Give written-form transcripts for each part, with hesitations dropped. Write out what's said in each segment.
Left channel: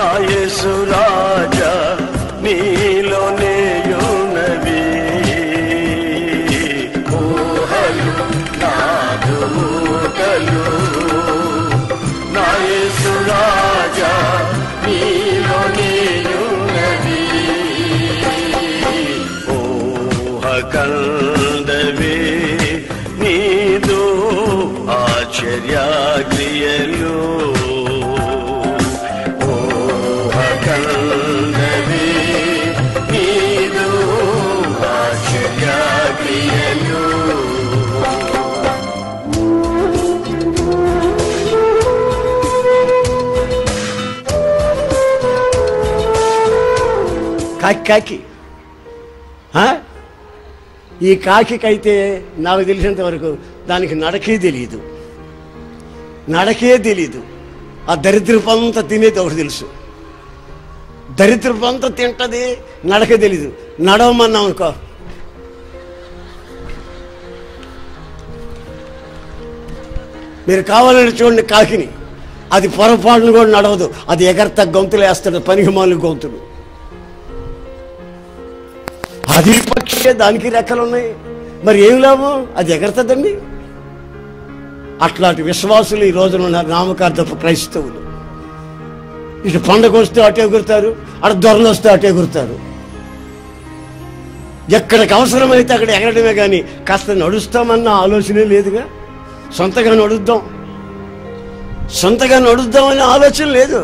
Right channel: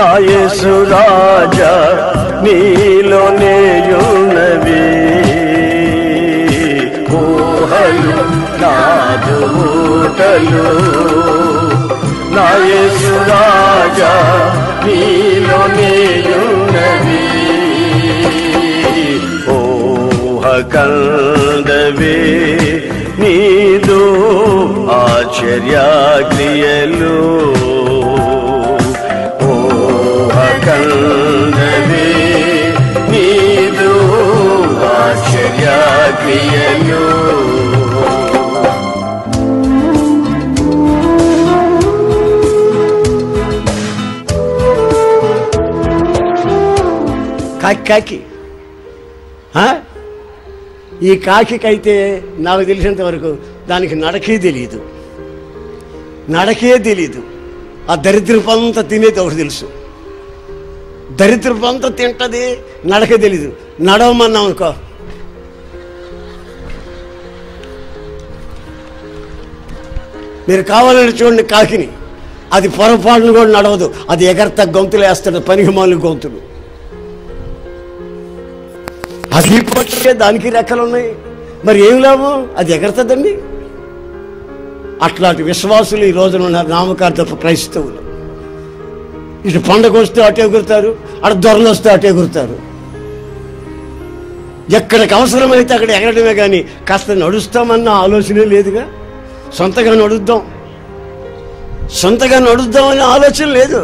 నా యేసు రాజా నీలోనేయున్నవి ఊహలు నాదు మూటలు నా యేసు రాజా నీలోనేయున్నవి ఊహ కందవే నీదు ఆశ్చర్య క్రియలు కందవే నీదు ఆశ్చర్య క్రియలు కాకి ఈ కాకికైతే నాకు తెలిసినంత వరకు దానికి నడకే తెలియదు ఆ దరిద్రపంతా తినేది ఒకటి తెలుసు, దరిద్రపంతా తింటది, నడకే తెలీదు. నడవమన్నాం అనుకో, మీరు కావాలని చూడండి కాకిని, అది పొరపాటును కూడా నడవదు, అది ఎగరత గొంతులు వేస్తాడు, పనికిమాలిన గొంతులు. అది పక్షే, దానికి రెక్కలు ఉన్నాయి, మరి ఏం లాభం, అది ఎగరతదండి. అట్లాంటి విశ్వాసులు ఈ రోజున ఉన్నారు, నామకార్థ క్రైస్తవులు. ఇటు పండుగ వస్తే అటు ఎగురుతారు, అటు దొరలు వస్తే అటు ఎగురుతారు. ఎక్కడికి అవసరమైతే అక్కడ ఎగరడమే కానీ కాస్త నడుస్తామన్న ఆలోచనే లేదుగా. సొంతగా నడుద్దామనే ఆలోచన లేదు.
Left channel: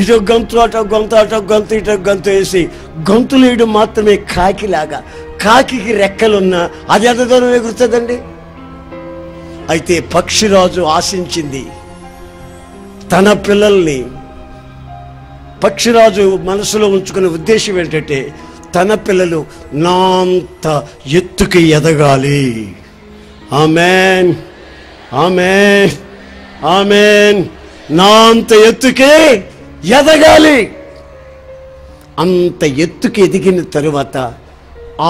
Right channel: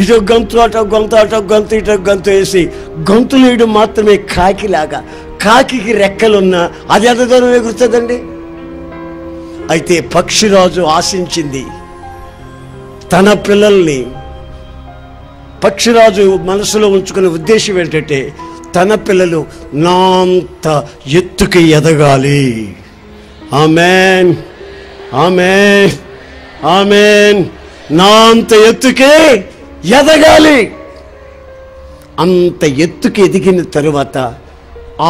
ఇటు గొంతు అటు గొంతు, అటు గొంతు ఇటు గొంతు వేసి గొంతులు ఇటు మాత్రమే కాకిలాగా. కాకి రెక్కలున్నా అది ఎంత దూరం ఎగురుతుందండి. అయితే పక్షిరాజు ఆశించింది తన పిల్లల్ని. పక్షిరాజు మనసులో ఉంచుకునే ఉద్దేశం ఏంటంటే తన పిల్లలు నాంత ఎత్తుకి ఎదగాలి. ఆమేన్, ఆమేన్, ఆమేన్. నాంత ఎత్తుకే ఎదగాలి. అంత ఎత్తుకి ఎదిగిన తరువాత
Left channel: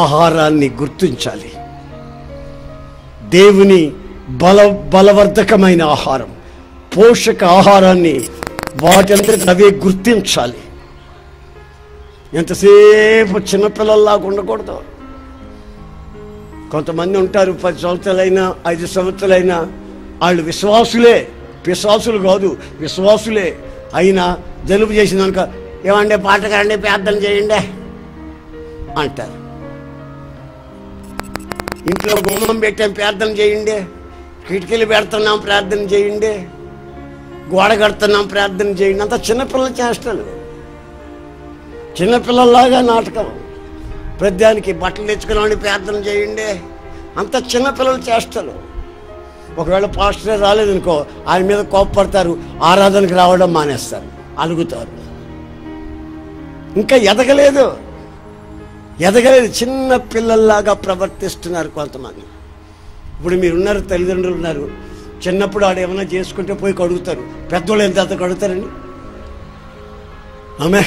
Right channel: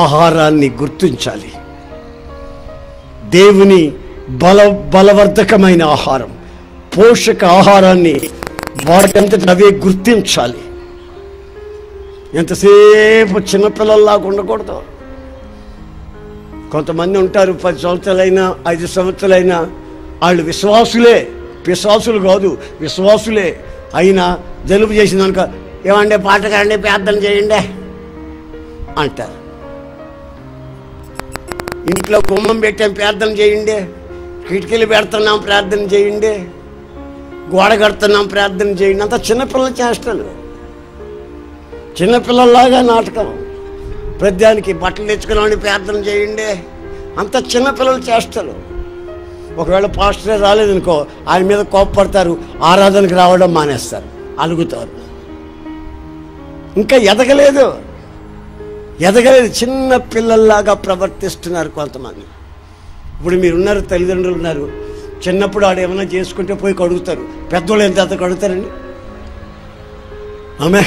ఆహారాన్ని గుర్తించాలి. దేవుని బలవర్ధకమైన ఆహారం, పోషక ఆహారాన్ని వాటింతట అవే గుర్తించాలి. ఎంతసేపు చిన్నపిల్లల్లాగా ఉండకూడదు. కొంతమంది ఉంటారు 10 సంవత్సరాలైనా 5 సంవత్సరాలైనా వాళ్ళు విశ్వాసులే, పిశాసులు కాదు, విశ్వాసులే. అయినా జలుబు చేసిందనుక ఏమంటే పాటకాండి ప్రార్థన చేయండి అంటారు. ఇంట్లో గుమ్మం పెట్టాం ప్రార్థన చేయండి, కిటికీలు పెడుతున్నాం ప్రార్థన చేయండి, గోడ కడుతున్నాం ప్రార్థన చేయండి. అంత చిన్నపిల్లల చేష్టలు, చిన్నపిల్లల్లాగా నాటకం. ప్రతిదానికి బట్టలు తెచ్చుకున్నామని ప్రార్థన చేయండి, అంత చిన్నపిల్లల చేష్టలు. ఒకవేళ పాస్టర్ రాలేదనుకో ఆయన మీద కోప్పడతారు, ఆరాధనకు రావడం మానేస్తారు, అలుగుతారు. ఇంకా ఎదగలేదు, చిన్న పిల్లల్లాగా ప్రవర్తిస్తున్నారు కొంతమంది. ఇప్పుడు మీరున్నారు, తల్లిదండ్రులు ఉన్నారు, చిన్నప్పుడు ఆడు ఏమైనా చేసుకుంటే పోయి కడుగుతారు. పెద్దోళ్ళు ఎంత కడుగుతారండి? ఆమె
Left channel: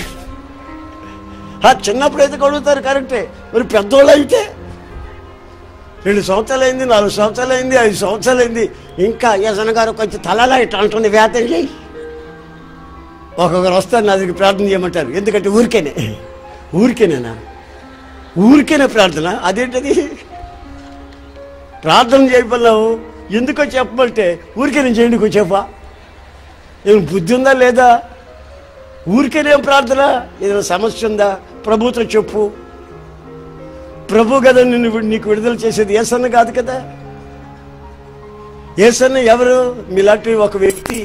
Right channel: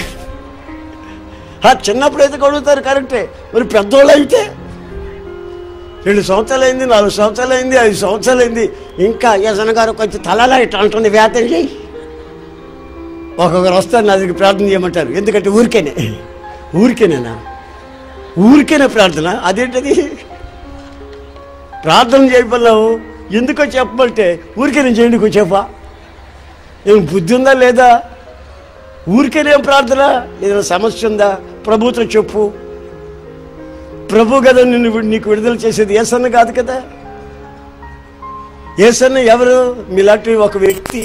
చిన్నప్పుడు అయితే కడుగుతారు కరెక్టే, మరి పెద్దోళ్ళు అయితే 2 సంవత్సరాలైంది, 4 సంవత్సరాలైంది, 5 సంవత్సరాలైంది, ఇంకా యజన గారు కొంచెం తలలా ఇట్లా అంటుంది, వ్యాఖ్య చేయి. ఒక్కొక్కరు వస్తారు నా దగ్గర ప్రార్థన చేయమంటారు. ఎందుకంటే ఊరికేనా ప్రార్థన? అదేంటది? ప్రార్థన చేయబోలావు ఎందుకో చెప్పమంటే ఊరికేనే చేయండి కొంచెంపా. ఏం బుద్ధి ఉందా లేదా? ఊరికేనేం ప్రార్థన? ఏదైనా సమస్య ఉందా? ప్రభుతో చెప్పు. ప్రభు కదా నీకు విడుదల చేసేది, యేసన్న కాదు కదా. యేసన్న ఎవరు? మీలాంటి ఒక వ్యక్తి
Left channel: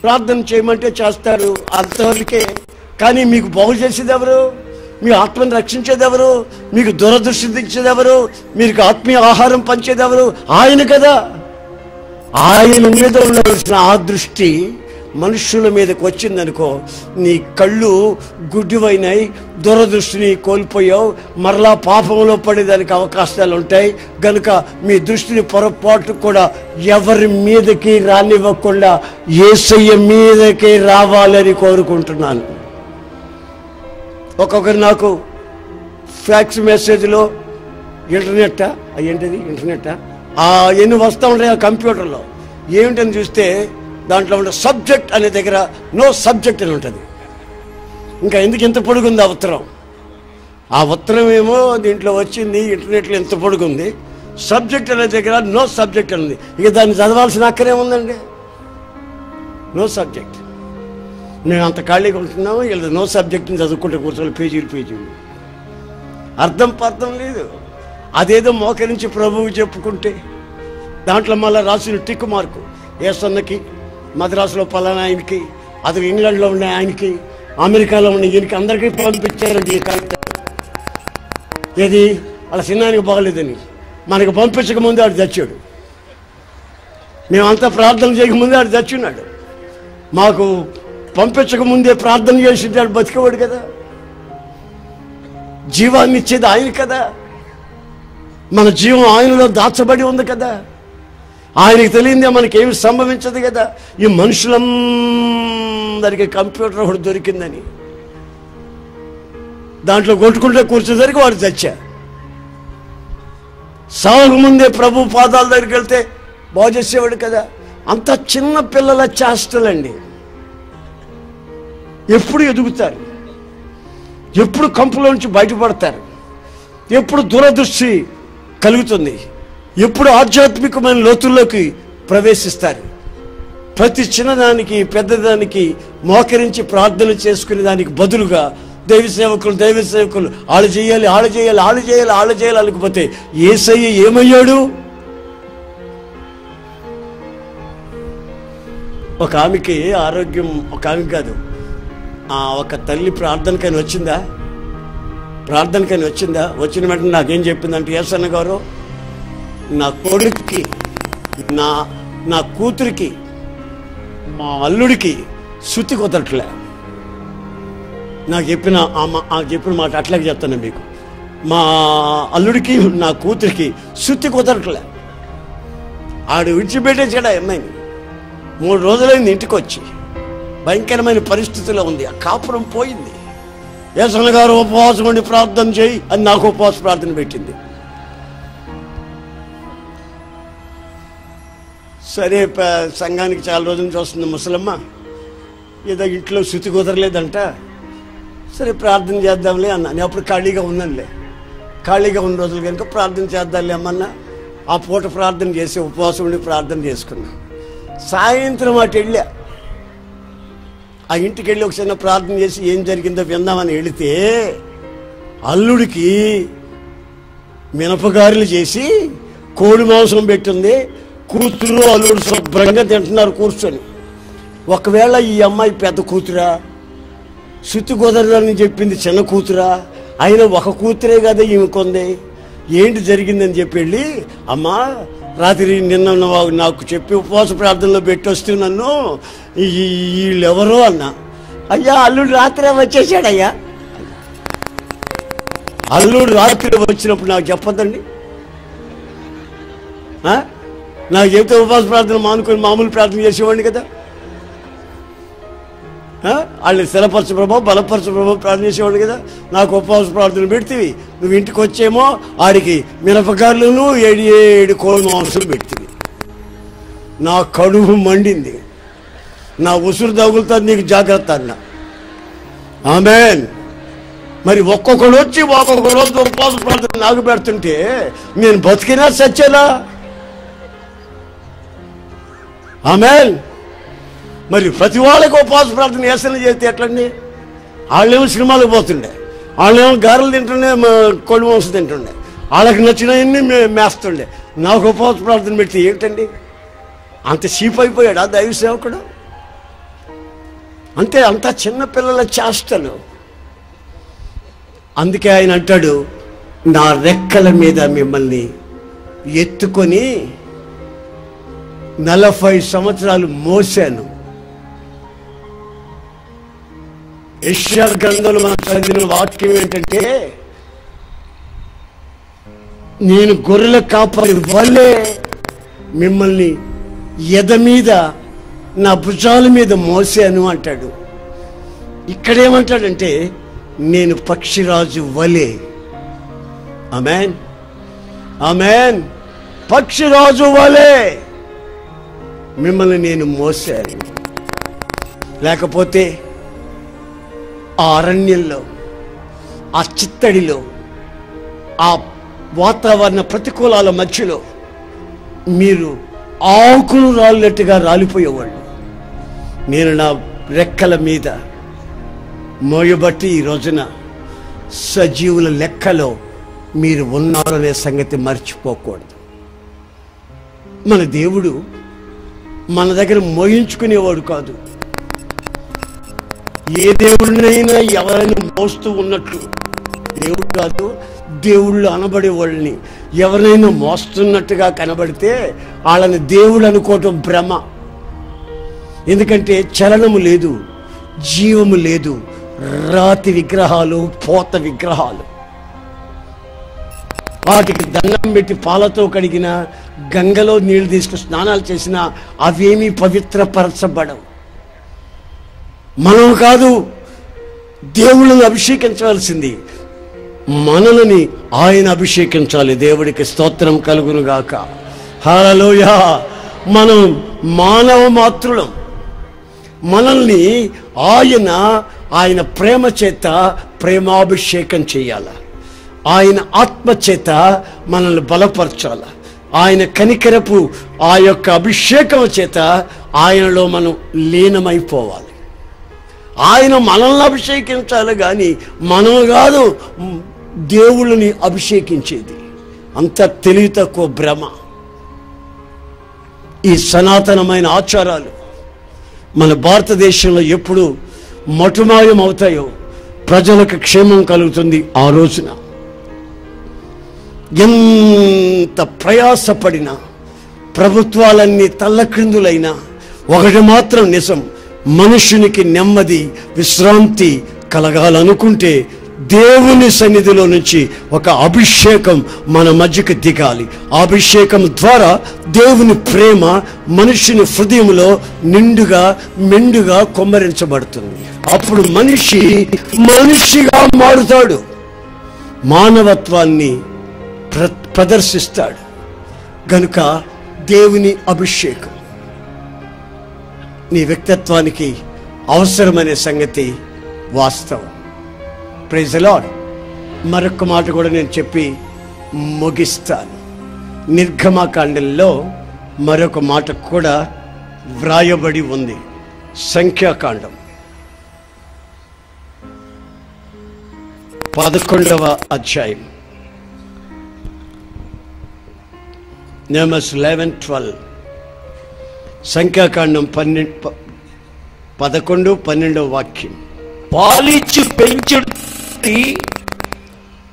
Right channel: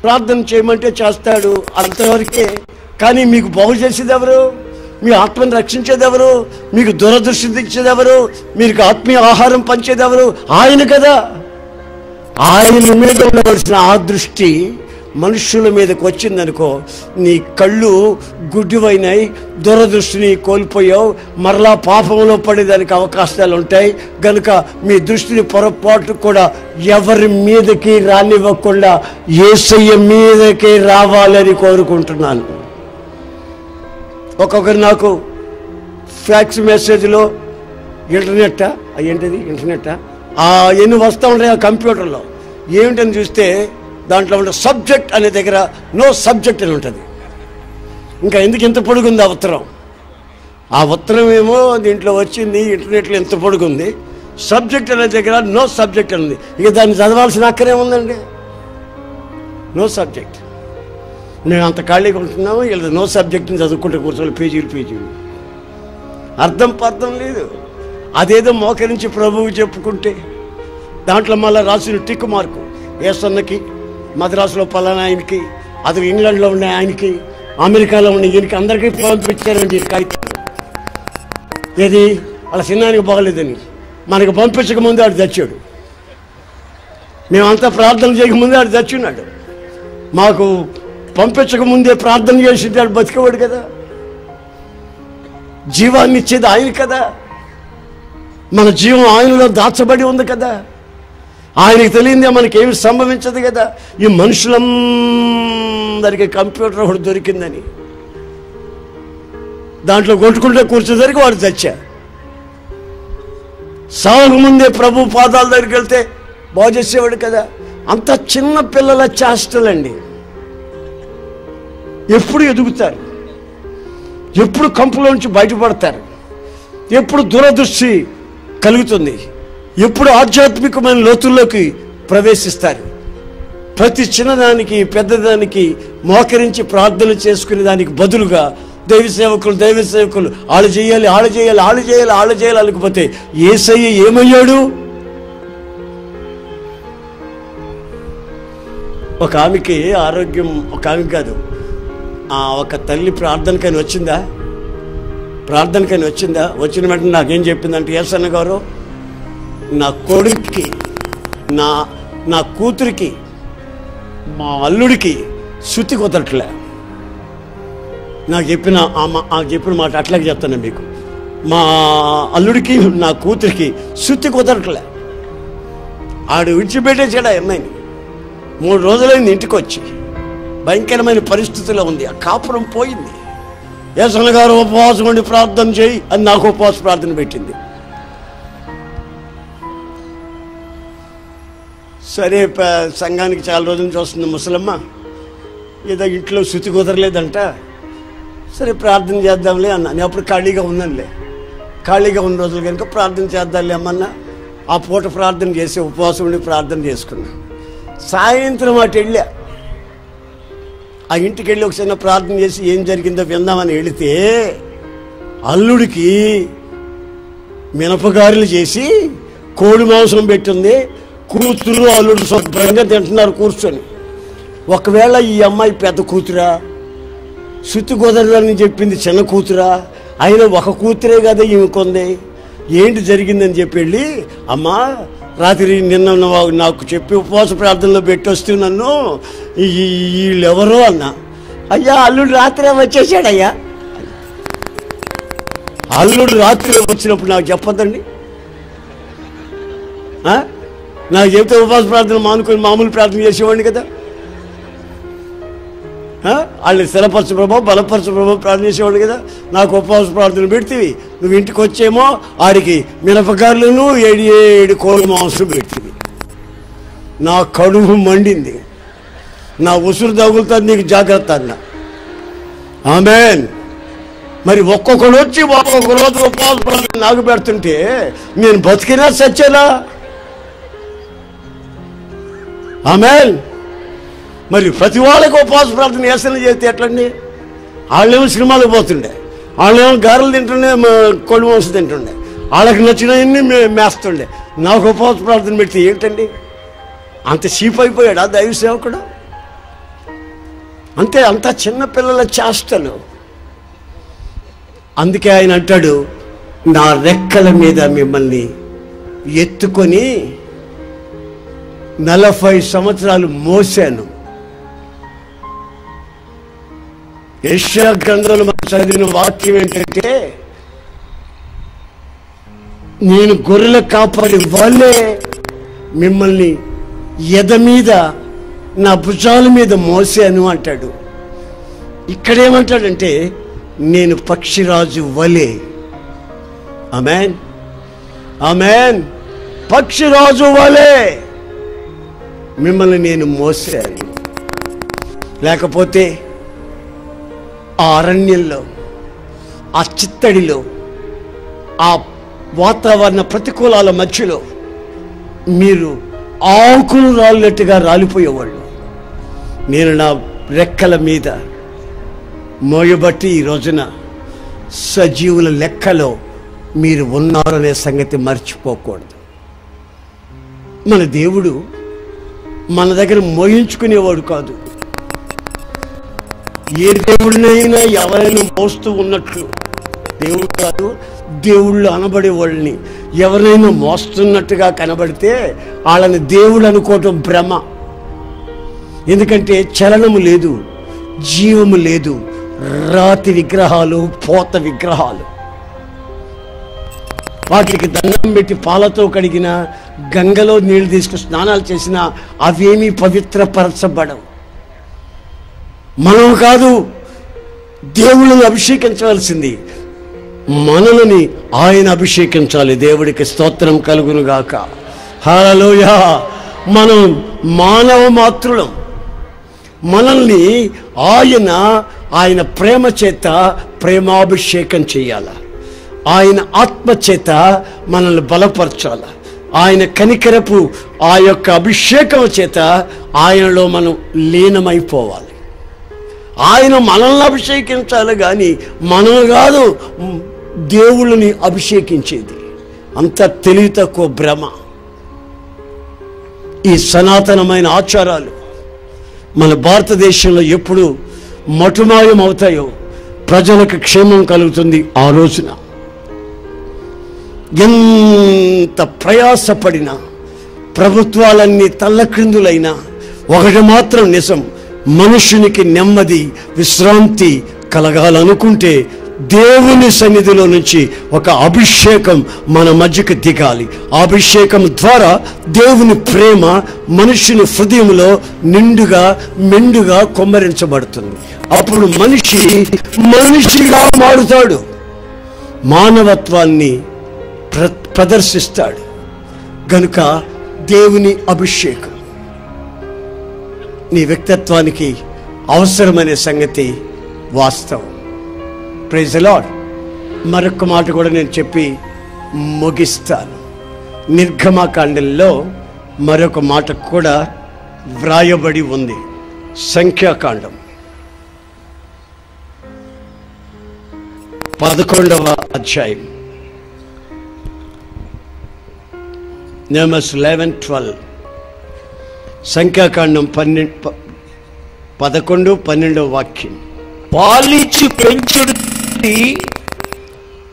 ప్రార్థన చేయమంటే చేస్తాడు, అంతవరకే. కానీ మీకు బాగు చేసేది ఎవరు? మీ ఆత్మను రక్షించేది ఎవరు? మీకు దూరదృష్టి తెచ్చేది ఎవరు? మీకు ఆత్మీయ ఆహారం పంచేది ఎవరు? ఆయన కదా. ఆయన మీద ఉండవలసిన ఆ దృష్టి మనుషుల మీదకి వచ్చిందనుకో, నీ కళ్ళు గుడ్డివైనాయి, దూరదృష్టిని కోల్పోయావు, మరలా పాపంలో పడేదానికి అవకాశాలు ఉంటాయి. గనుక మీ దృష్టిని పొరపాటు కూడా ఎవరి మీదకి రానివ్వకుండా యేసయ్య మీదకి రావాలని కోరుకుంటున్నాను. ఒక్కొక్కరు నాకు ఫ్యాక్స్ మెసేజ్లో ఇంటర్నెట్ ఎన్ని వస్తూ ఉంటాయి ఆ కంప్యూటర్లో. ఏమిటని చూస్తే దాంట్లో ఉండే సబ్జెక్ట్ అనే దగ్గర నో సబ్జెక్ట్ అని ఉంటుంది. ఇంకా ఎందుకు ఇంత పొడుగుంది ఆ ఉత్తరం ఏమో దీంట్లో వచ్చింది, ఇంటర్నెట్లో ఎంత పొడుగుంది. సబ్జెక్ట్ అనే దగ్గర నో సబ్జెక్ట్ ఉంది. ఇక దాన్ని చదవాల్సిన అక్కడే ఉందండి. No subject. మేము అంత ఖాళీగా ఉంటున్నాము, వీళ్ళు నో సబ్జెక్ట్ని చదువుకుంటూ కూర్చొని పేజీలు అర్థం లేదు. అదేదో మోకరించి ప్రభువు చెప్పుకుంటే దాంట్లో మళ్ళీ రాసిన టిక్ మార్కు, ఏసన్నకి, మద్రాసులో పలానా ఆయనకి, అతను ఇంగ్లాండ్లో ఉన్న ఆయనకి, అమెరికాలో ఉన్న ఈయనకి, అందరికీ పంపించారండి ఈ కాగితం. ఏది అలా చిన్నానికి బాగలేదని మనకు పంపించక ముందు ఆడు చచ్చాడు. మేమంతా ప్రార్థన చేయకముందే ఆడు చచ్చున్నాడు. మాకు పంపించక ముందే ప్రార్థన చేసి ఆడు బతికేవాడు కదా. జీవాన్ని ఇచ్చేది ఆయన కదా. మన జీవం ఆయనలో దాచబడి ఉంది కదా. ఆయనకి తెలియదే మనకేమి సంభవించదు కదా. ఈ మనుషులందరికీ కంప్యూటర్ ఒకటి దొరికిందని దాంట్లో కొట్టుకుంటే కూర్చోసరికి వాడు చచ్చా. సాగు ముందే ప్రభు పాదాల దగ్గరికి వెళ్తే బాగు చేసేవాడు కదా. అంత చిన్న పిల్లల చేష్టలండి. ఎప్పుడు ఎదుగుతారు, ఎప్పుడు కంపులోంచి బయటపడతారు, ఎప్పుడు దూరదృష్టి కలుగుతుంది, ఎప్పుడు ఆధ్యాత్మికమైన లోతుల్లోకి ప్రవేశిస్తారు. ప్రతి చిన్నదానికి పెద్దదానికి మోకరించి ప్రార్థన చేసుకునే దానికి బదులుగా దైవ సేవకులు ఆళ్ళు చేయాలి అనుకోపోతే యేసయ్య ఏమయ్యాడు? ఒక ఆమెకి ఆరోగ్యం, ఒక ఆమె కాదు, ఒక తల్లి ప్రార్థనకైనా వచ్చిందా? వచ్చిన వెంటనే నాకేం చెప్పిందంటే, యేసన్న గారు, నా కొడుక్కి, నా కూతురికి, మా అల్లుడికి శుద్ధి కుదరట్లే. నాకు చెప్పిన మాట అట్లాగే చెప్తాను మీకు. మా అల్లుడికి, నా కూతురికి శుద్ధి కుదరట్లే. ఆడు విడిచిపెట్టేసాడు ఆ అమ్మాయిని. 3 రోజులైంది ఇంటికి వచ్చి. భయంకరమైన పరిస్థితిలో ఉంది. ఆ కాపురం పోయింది. యేసన్న గారు ఉపవాసం ఉండి ప్రార్థన చేయి అని నాకు ఉపవాస ప్రార్థన పెట్టింది. సరే, సంఘానికి చాలా రోజుల నుంచి వస్తుంది ముసలమ్మ, ఏదో ఇంట్లో శుద్ధి కుదరలేదంట. సరే ప్రార్థన చేద్దాంలే అన్నా. నేను అప్పుడు ఖాళీగా ఉన్న రోజులు కనుక ప్రార్థన చేద్దాంలే అమ్మన్నా. ఆ పూట ప్రార్థన చేసి ఉపవాసం ఉండి ప్రార్థన చేసుకున్నా. సాయంత్రం అటు వెళ్ళా. ఆ ఇంటికి వెళ్ళి ఒక చిన్న ప్రార్థన చేసి ఏం జరిగిందో విందామని వెళితే అల్లుడికి మినపగారెలు చేసి కోడి మాంసం పెట్టింది. కూతురు అల్లుడు శుభ్రంగా తింటున్నారు కూర్చొని. ఒకవేళ ఈ అమ్మాయి పెద్ద కూతురా, శుద్ధి కుదరదని చెప్పింది చిన్న కూతురా, అయినా ఒక కూతురే కదా ఈమెకుంది, ఏంటి జరిగిందని చెప్పి వెళ్ళి, అమ్మా రాత్రి నిన్న నాకు చెప్పి ఉపవాస ప్రార్థనలో పెట్టొస్తూ నన్ను వీళ్ళెవరో అన్నా. అయ్యా అల్లుడు రాత్రి వచ్చేసాడయ్యా. అల్లుడు రాత్రి వచ్చినప్పుడు నాకు చెప్పొద్దండి. నాకు చెప్తే ఉపవాస ప్రార్థన మానుకొని మామూలు ప్రార్థన చేసేవాడిని కదా. వాళ్ళని స్థిరపరచు ప్రభావ, బలపరచు ప్రభావ ప్రార్థన చేసేవాడు కదా. నాకు ఉపవాస ప్రార్థన పెడితే నువ్వు ఇంటికి వచ్చేమో ఆడికి మినపకాయలను 7 కోడి మాంసం పెట్టింది. నా కడుపు మండింది. నా ఉసురు తగులుతుంది, నీకు జాగ్రత్త అన్న. ఆమేన్. మరి ఒక్కొక్కడు వచ్చి ఒక్కొక్క రోజు ఉపవాస ప్రార్థన నాకు పెడుతుంటే నేను బతికినా సచ్చేలా? ఆమేన్. మరి ప్రతి వాళ్ళకి ఉపవాస ప్రార్థన చేస్తేనే చేస్తే ఎట్లండి? వాళ్ళేమో సినిమాలకు పోతుండే, వాళ్ళేమో గారెలు తింటుండే, కోడి మాంసం తింటుండే, వాళ్ళకి నచ్చినవన్నీ మేస్తుండే. నాకు ఉపవాస ప్రార్థన పెడితే ఏంటండి? అంత చీప్ అయిపోయాడా దైవ సేవకుడు? అంతే, అంత చిన్నపిల్లల చేష్టలు. అందుకే ఆయన అంటాడు, నా రెక్కల మీద మిమ్మల్ని ఎత్తుకొని 40 సంవత్సరాలు మోసాను. యెషయా గ్రంథంలో చదివిన వాక్యం ఏంటంటే, నేను గొర్రెల కాపరి వలె మిమ్మల్ని ఎద మీద నా భుజాల మీద మోసాను అంటాడు. ఇక్కడేమంటాడంటే, నేను పక్షిరాజు వలె. ఆమేన్, ఆమేన్. పక్షిరాజు వలె మిమ్మల్ని నేను మోసాను. లేకపోతే ఆ అరణ్యంలో, ఆ చిత్తడిలో, ఆ వాతావరణ ప్రతికూలాల మధ్యలో మీరు ఆకులు రాలినట్టుగా రాలిపోయేవాళ్ళు. నేను నా రెక్కల మీద మోయబట్టి ఈ రోజున సజీవుల లెక్కలో మీరు ఉన్నారనే సంగతి మర్చిపోకూడదు. మన దేవుడు మన దగ్గర మోయించుకునేవాడు కాదు. ఏ దేవుడినైనా ఎవరైనా మోస్తూ ఉన్నట్లు దేవుడు కాదు. దేవుళ్ళు అనబడే వాళ్ళని ఎవరైనా మోస్తున్నట్టుగా కనబడితే వాళ్ళని దేవుడు అనుకోవటం భ్రమ. ఎందుకంటే చలనము లేదు, జీవము లేదు, రాతి విగ్రహాలు, పోత విగ్రహాలు. వాటికి దండం పెట్టి పాలతో కడిగిన, గంగలో నీళ్లు తీసుకుని స్నానాలు చేసినా అవేమీ పవిత్రపరచబడవు. మనం కాదు దేవుళ్ళని అభిషేకించవలసింది, మనల్ని ఆయన అభిషేకించాలి. దేవుడికి స్తోత్రం కలుగును గాక. హల్లెలూయా. మనం మానవ మాత్రులం. మనల్ని ఆయన ప్రేమ చేత ప్రేమాభిషేకం చేయాల. ఆయన ఆత్మ చేత మనల్ని బలపరచాల. ఆయన కనికరపు ఆ యొక్క అభిషేకం చేత ఆయనలో మనం లీనమైపోవాలి. ఆయన మనల్ని అభిషేకించాలి కానీ మనం కాదు దేవుళ్ళని అభిషేకించేది. అంత తెలివి తక్కువ భ్రమ. ఈ సనాతనమైన ఆచారాలు మన భారతదేశంలో ఎప్పుడు మటుమాయం అవుతాయో ప్రజలకు క్షేమం కలుగుతుంది. ఆ రోజున ఎంత ప్రయాసపడినా, ప్రభుత్వాలన్నీ తల్లక్రిందులైనా ఒకటి మాత్రం నిజం, మనుషునికి నెమ్మది, విశ్రాంతి కలగాలనుకుంటే దేవుని సన్నిధిలో నుంచి ఒక అభిషేకం మన మధ్యకు దిగాలి. ఆ అభిషేకం ద్వారా దేవుని ప్రేమ మనుషుని హృదయంలో నిండుగా మెండుగా కుమ్మరించబడుతుంది. అప్పుడు మనిషిగా మారుతాడు, మానవత్వాన్ని ప్రదర్శిస్తాడు. గనుక దేవుని అభిషేకం నీ వ్యక్తిత్వానికి అవసరమనే సంగతి వాస్తవం. Praise the lord. మరొక మాట కూడా నేను చెప్పి ముగిస్తాను. నిర్గమకాండంలో మరొక మాట కూడా వ్రాయబడి ఉంది. సంఖ్యాకాండం 11వ అధ్యాయం, Numbers 11:12. సంఖ్యాకాండం 11-12 వాక్యం. పాలించి పెంచుడు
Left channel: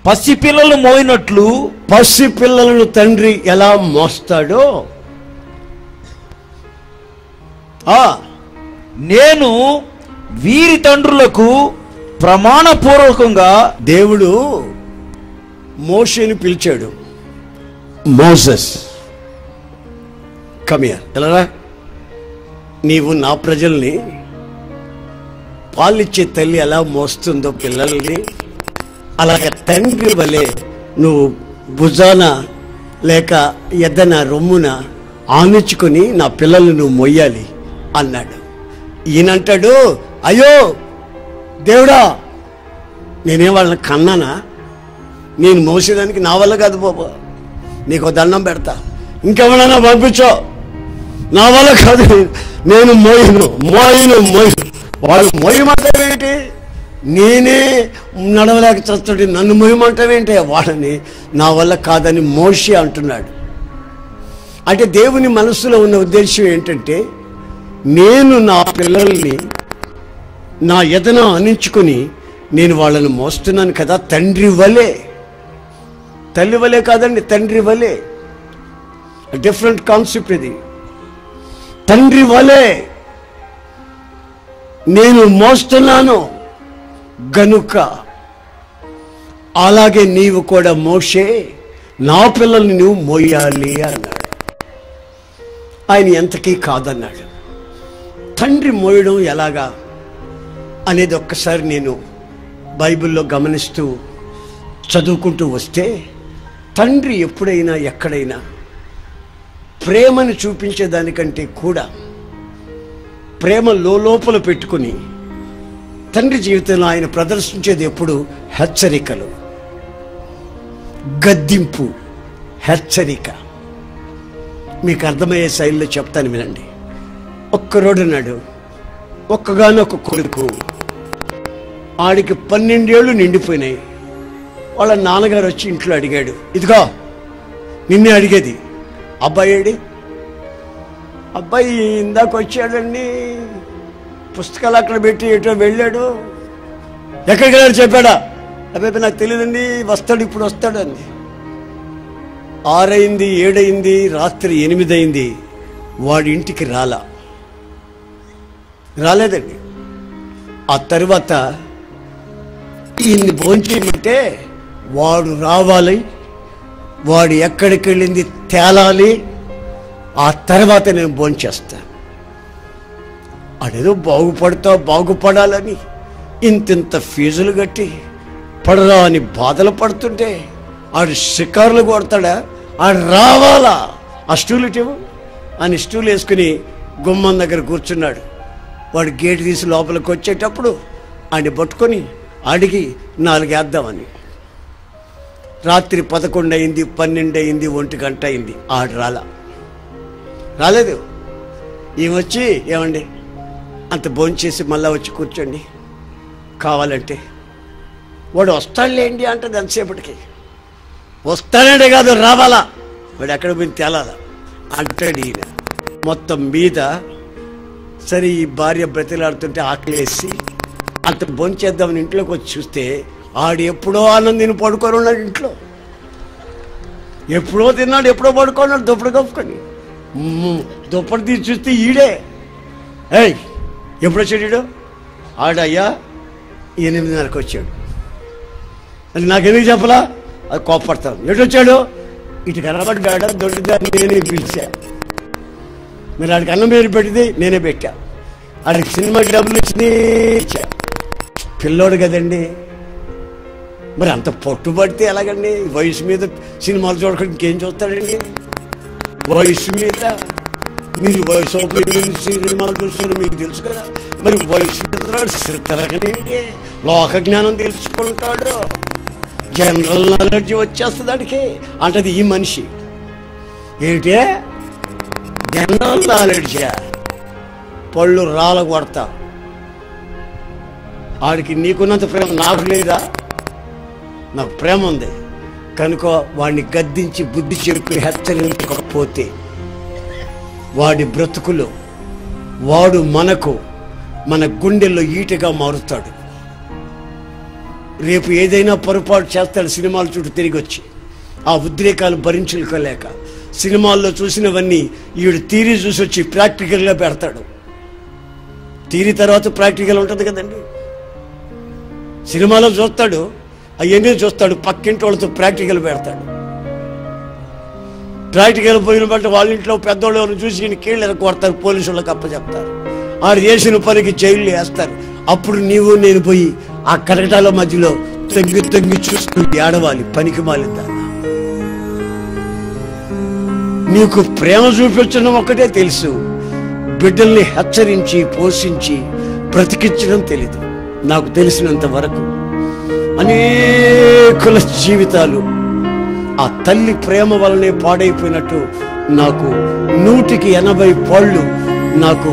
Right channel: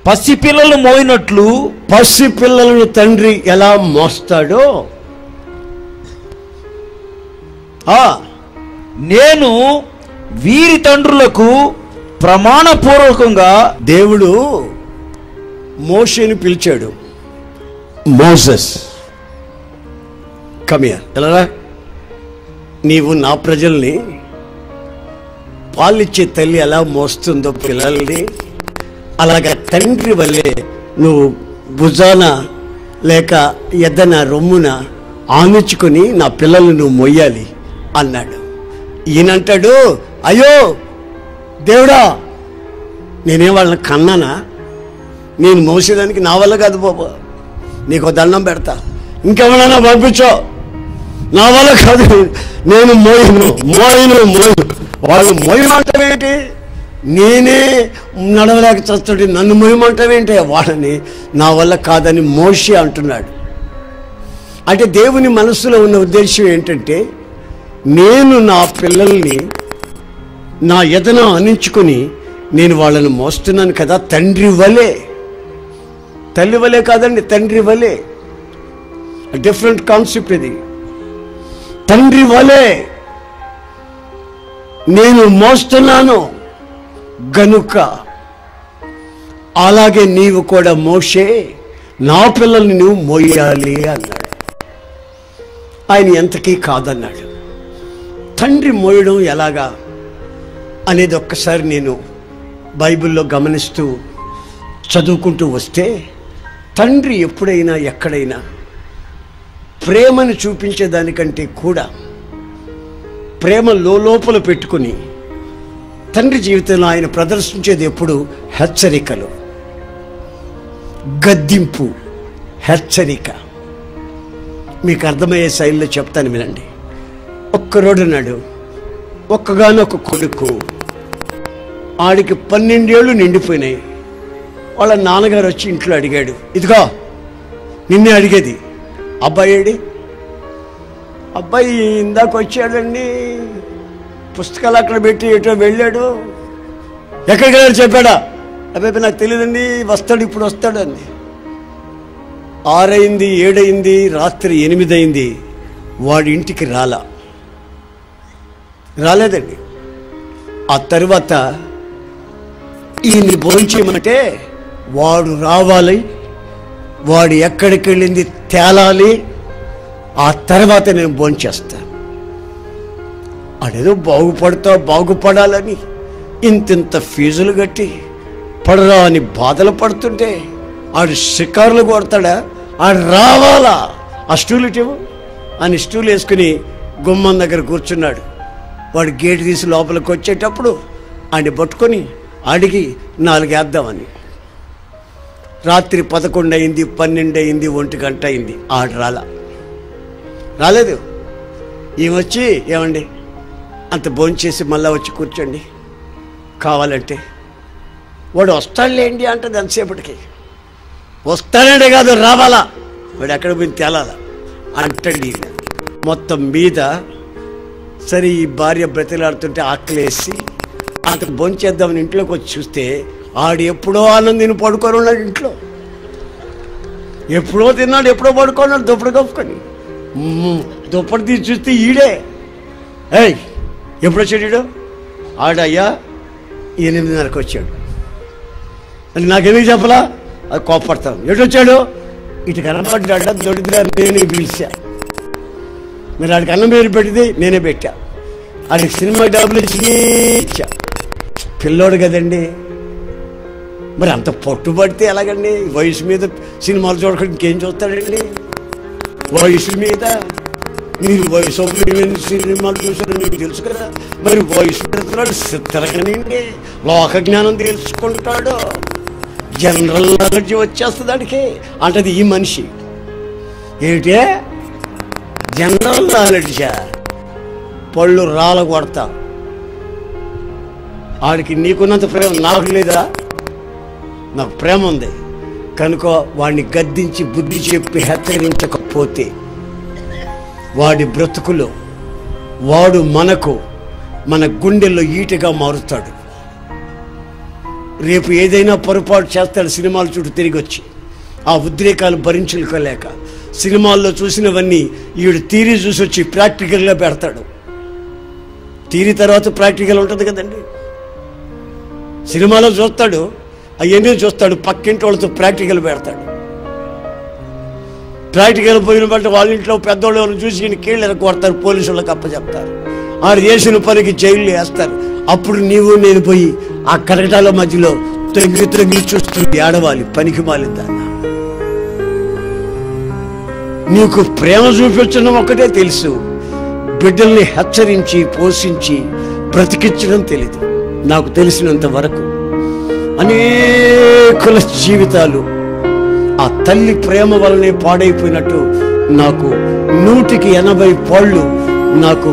పసిపిల్లలు మోయినట్లు, పసిపిల్లలను తండ్రి ఎలా మోస్తాడో నేను వీరి తండ్రులకు ప్రమాణపూర్వకంగా దేవుడు మోషేని పిలిచాడు. మోసెస్ కమ్ హియర్, ఎలా నీవు నా ప్రజల్ని పాలిచ్చే తల్లి ఎలా మోస్తుందో పిల్లల్ని, అలాగే తండ్రి వలె నువ్వు భుజాన లేక ఎద్దన రొమ్మున ఆనుచుకుని నా పిల్లల్ని నువ్వు మొయ్యాలి అన్నాడు. ఈయనంటాడు, అయ్యో దేవుడా, నేనే వాళ్ళని కన్నానా? నేను మోసేదానికి నా వల్ల కాదు బాబా, నీకు దండం పెడతా, ఇంకెవరైనా పంపించో, నా వల్ల కాదు, నేను మోయను. వాడు మోయమంటావేంటి? నేనే నడవలేక చస్తుంటే నన్ను మోయమంటావేంటి? వాడని నా వల్ల కాదని మోషే అంటున్నాడు. అంటే దేవుని మనస్సులో ఉన్న ఉద్దేశం ఏంటంటే, నేను నా పిల్లల్ని నా ఎదన అనించుకుని నేను వాళ్ళని మోస్తున్నాను కదా, తండ్రి వలే. తల్లి వలే కాదండి, తండ్రి వలే. డిఫరెంట్ కాన్సెప్ట్ ఇది. తండ్రి వలే నేను మోస్తున్నాను గనుక అలాగే నీవు కూడా మోషే నా పిల్లల్ని నువ్వు మోయాలి అన్నాడు. ఆయన ఎంతకీ కాదన్నాడు. తండ్రి మోయడం ఎలాగా అనేది ఒక్కసారి నేను బైబిల్లో గమనిస్తూ చదువుకుంటూ వస్తే, తండ్రి ఎప్పుడైనా ఎక్కడైనా ప్రేమను చూపించేదానికంటే కూడా ప్రేమ లోపల పెట్టుకుని తండ్రి జీవితంలో ఆయన ప్రదర్శించేది ఎప్పుడు హెచ్చరికలు, గద్దింపు, హెచ్చరిక. మీకు అర్థమయ్యే శైలిలో చెప్తాను వినండి. ఒక్కరోడున్నాడు, ఒక్కగానొక్క కొడుకు. ఆడికి 12 ఏళ్ళు నిండిపోయినాయి. వాళ్ళ నాన్నగారు వచ్చి ఇంట్లో అడిగాడు, ఇదిగో నిన్నే అడిగేది, అబ్బాయి ఏడి? అబ్బాయి ఇందాక వచ్చాడండి, పుస్తకాలు అక్కడ పెట్టి ఎటో వెళ్ళాడు. ఎక్కడికి వెళ్ళాడు చెప్పాడా? అబ్బాయి నాకు తెలియదండి, వస్తాడు, ఇప్పుడు వస్తాడండి. 6 అయింది, 7 అయింది, రాత్రి 8 అయింది, వాడి ఇంటికి రాలేదండి. ఆ తరువాత ఈయన్ని భోంచేయమంటే వాడు రావాలి, వాడు ఎక్కడికి వెళ్ళింది తేలాలి, ఆ తర్వాత నేను భోంచేస్తాను. అదేదో బాగుపడాలని ఇంతింత ఫీజులు కట్టి పడరా అని బాధలు పడుతుంటే ఆడు షికారులు కొడతాడా? ఆడు రావాలా? ఆ స్టూల్ ఇటు అని స్టూల్ వేసుకుని గుమ్మం దగ్గర కూర్చున్నాడు. వాడు గేటు తీసి లోపలికి వచ్చేటప్పుడు ఆడిని పట్టుకొని అడిగి 4 వేద్దామని. రాత్రి 11 అయింది, 12 అయింది, 1 గంట అయింది, ఆడు రాలేదు. వచ్చి ఏమండి అంత భోంచేసి మళ్ళా వచ్చి కూర్చోండి కావాలంటే. వాడు వస్తాడులేండి అంటది ఎంతసేపటికి. వస్తాడే కాదు, రావాలా, వాడు ఎక్కడ పోయి తేలాలా అంటాడు ఈయన. మొత్తం మీద సరే ఈ భార్య బ్రతిలాడుతుంటే ఆకలేసి అంత భోంచేద్దామని ఇంట్లోకి వచ్చి చూస్తే ఆడు ఎప్పుడో ఆనందిని పడుకొని ఉన్నాడు ఇంట్లో. ఎప్పుడో తిన్నాడు, ఎప్పుడో పడుకున్నాడు దుప్పటి కప్పుకొని. దుప్పటి తీసి చూస్తే ఈడే. ఎప్పుడు వచ్చాడు ఈడు? ఆడయ్యా 8:30కి వచ్చాడు అని నాకెందుకు చెప్పలా? అది కోపడతాను. ఎటొచ్చాడు? ఇటు కనబడ్డా దొరిదారు, నేనే పిలిచా. మీరు ఆడికి అన్నం పేరు పెట్టింది నేనే పెట్టా. ఆడికి సినిమాకి గమనించి ఇచ్చా. పిల్లోడు కదండి, మరి అంత పట్టుబడితే ఎలాగండి? వయసు మీద సినిమాలు చూడకుండా ఇంకేం చూస్తాడండి? వయసు మీద మీరు వయసు సినిమాలు చూసారు, మీకు తెలుసు కదా. మరి వయసు పెడతాడు, లోక జ్ఞానం తెలుసుకుంటాడు, జనరల్ నాలెడ్జ్ వచ్చేస్తుంది అడికి అంటది ఈ మనిషి. ఏంటే జనరల్ నాలెడ్జా? పళ్ళు రాళ్ళ కొడతా. ఆడికి నీకున్నంత ప్రేమ నాకు లేదా? నాకు ప్రేమ ఉంది కనుక వాడిని గద్దించి బుద్ధి చెప్పి హెచ్చరించకపోతే వాడి బ్రతుకులో వాడు మన గుండెల్లో ఈటగా మారుతాడు. రేపు ఏదైనా పొరపాటు చేస్తాడు సినిమాల చుట్టూ తిరిగి వచ్చి. ఆ ఉద్రేకాలు భరించుకోలేక సినిమాల్లో చూసినవన్నీ ఈడు థియరీ చూసి వచ్చి ప్రాక్టికల్గా పెడతాడు. థియరీ తర్వాత ప్రాక్టికల్ ఉంటుంది కదండి. సినిమాలో చూస్తాడు, అవన్నీ చూస్తాడు, పక్కింటి వాళ్ళతో ప్రాక్టికల్ పెడతాడు. ప్రాక్టికల్ పోయిన బట్టి వాళ్ళ ఇంట్లో పెద్దవాళ్ళు చూసి ఈయన కీళ్ళు కొడతారు, పోలీసు వాళ్ళకి అప్పచెప్తారు. ఆడు చేసిన పనికి జైలు వేస్తారు. అప్పుడు నీవు నేను పోయి ఆ కటకటాల మధ్యలో తొంగి చూస్తూ ఏడవాలి, పనికి మాలిందాన్న. నీకు ప్రేమ చూపించడం ఒక్కటే తెలుసు, బిడ్డల్ని హెచ్చరించి పోషించి బ్రతికించడం తెలీదు. నాకు తెలిసినంత వరకు అనేకుల జీవితాలు ఆ తల్లి ప్రేమ వల్లనే పాడైపోయినట్టు నాకు 180 పాళ్ళు నాకు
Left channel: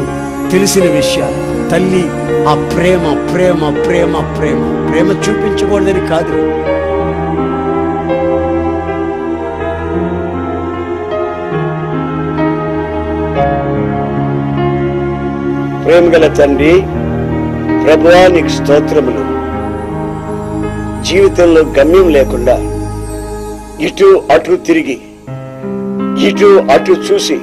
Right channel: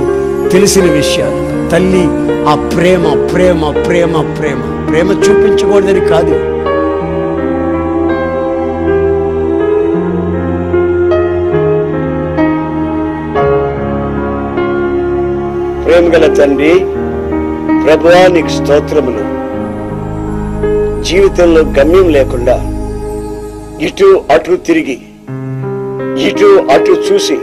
తెలిసిన విషయాలు. తల్లి ఆ ప్రేమ ప్రేమ ప్రేమ ప్రేమ ప్రేమ చూపించకూడదని కాదు, ప్రేమగల తండ్రి ప్రభువా నీకు స్తోత్రములు. జీవితంలో గమ్యం లేకుండా ఇటు అటు తిరిగి ఇటు అటు చూసి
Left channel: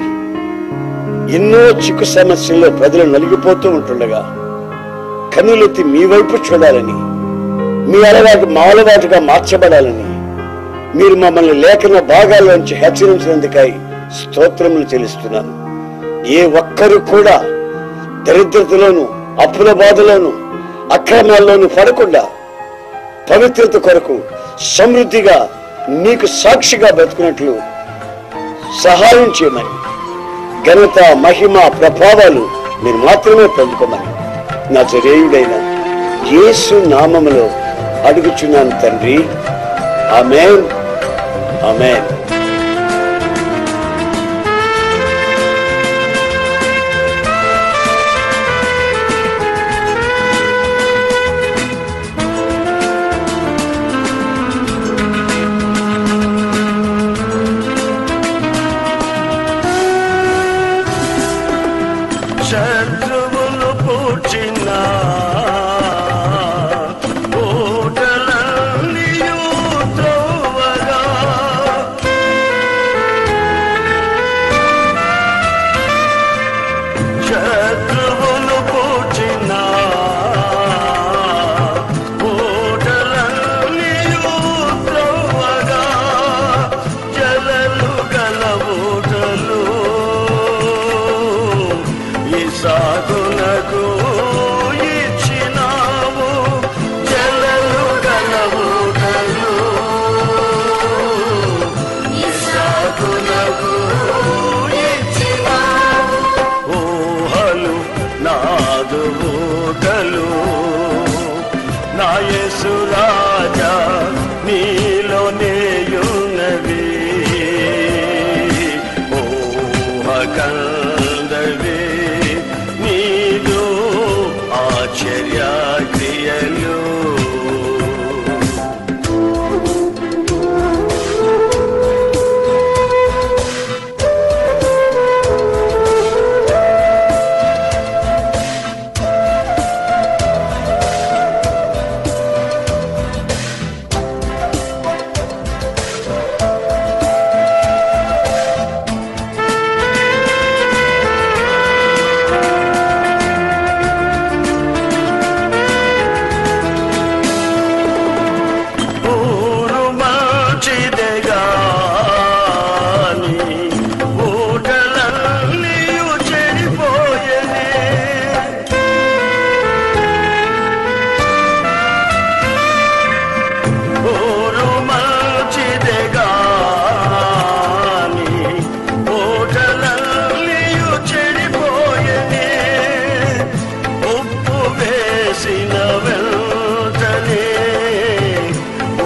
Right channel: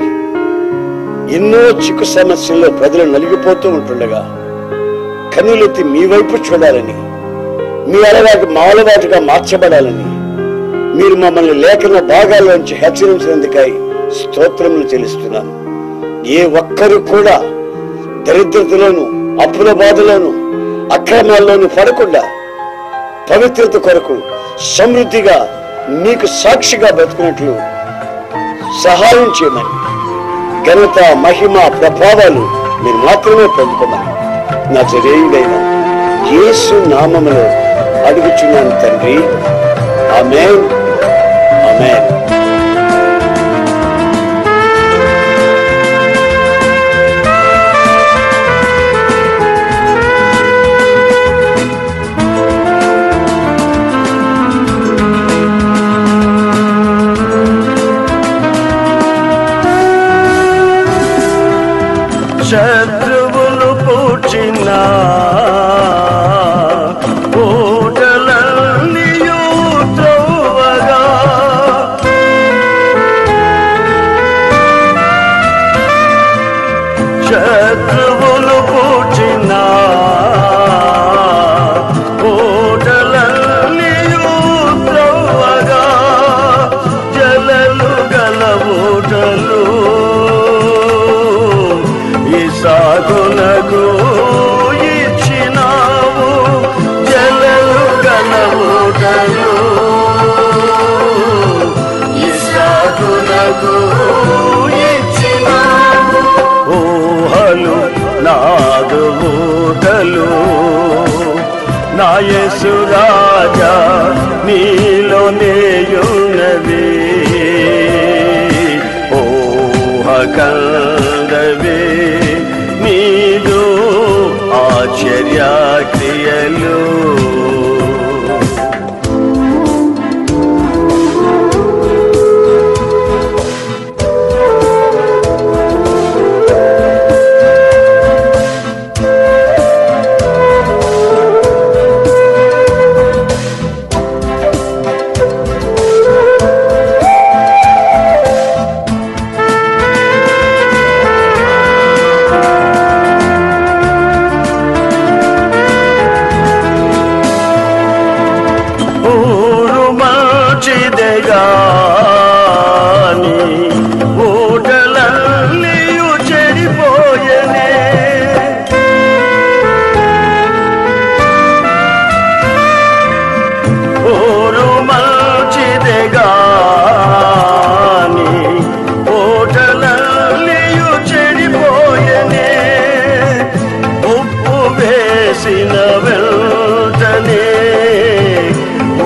ఎన్నో చిక్కు సమస్యల్లో ప్రజలు నలిగిపోతూ ఉంటుండగా కన్నులెత్తి మీ వైపు చూడాలని, మీ అలవాటు మా అలవాటుగా మార్చబడాలని మీరు మమ్మల్ని లేఖన భాగాల్లోంచి హెచ్చరించినందుకై స్తోత్రములు చెల్లిస్తున్నాను. ఏ ఒక్కరు కూడా దరిద్రతలోను అప్పుల బాధలోను అక్రమాల్లోనూ పడకుండా పవిత్రత కొరకు సమృద్ధిగా నీకు సాక్షిగా బ్రతుకున్నట్లు సహాయం చేయమని, ఘనత మహిమ ప్రభావాలు మీరు మాత్రమే పొందుకోమని నజరేయుడైన యేసు నామములో అడుగుచున్నాను తండ్రి, ఆమేన్, ఆమేన్. శత్రువులు పూచిన కోటలన్నీయు త్రోవగా, శత్రువులు పూచిన కోటలన్నీయు త్రోవగా, జలలు గల ఊటలు ఇస్సాకునకు ఇచ్చినావు, జలలు గల ఊటలు ఇస్సాకునకు ఇచ్చినావు. ఊహలు నాదు ఊటలు నా యేసు రాజా నీలోనేయున్నవి, ఊహ కందవి నీదు ఆశ్చర్య క్రియలు. గాని ఊటలన్నీయు చెడిపోయెనే, ఊరు మంచిదే గాని ఊటలన్నీయు చెడిపోయెనే, ఉప్పు వేసిన వెంటనే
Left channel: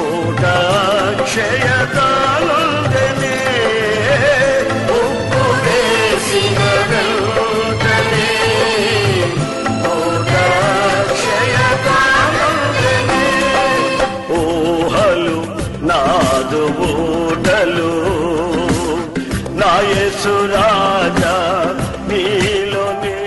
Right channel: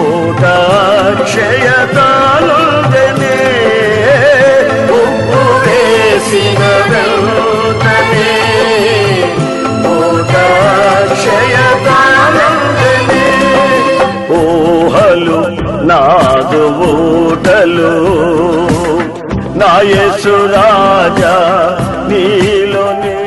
ఊట క్షయతానుందనే, ఉప్పు వేసిన వెంటనే ఊట క్షయతానుందనే. ఊహలు నాదు ఊటలు నా యేసు రాజా నీలోనే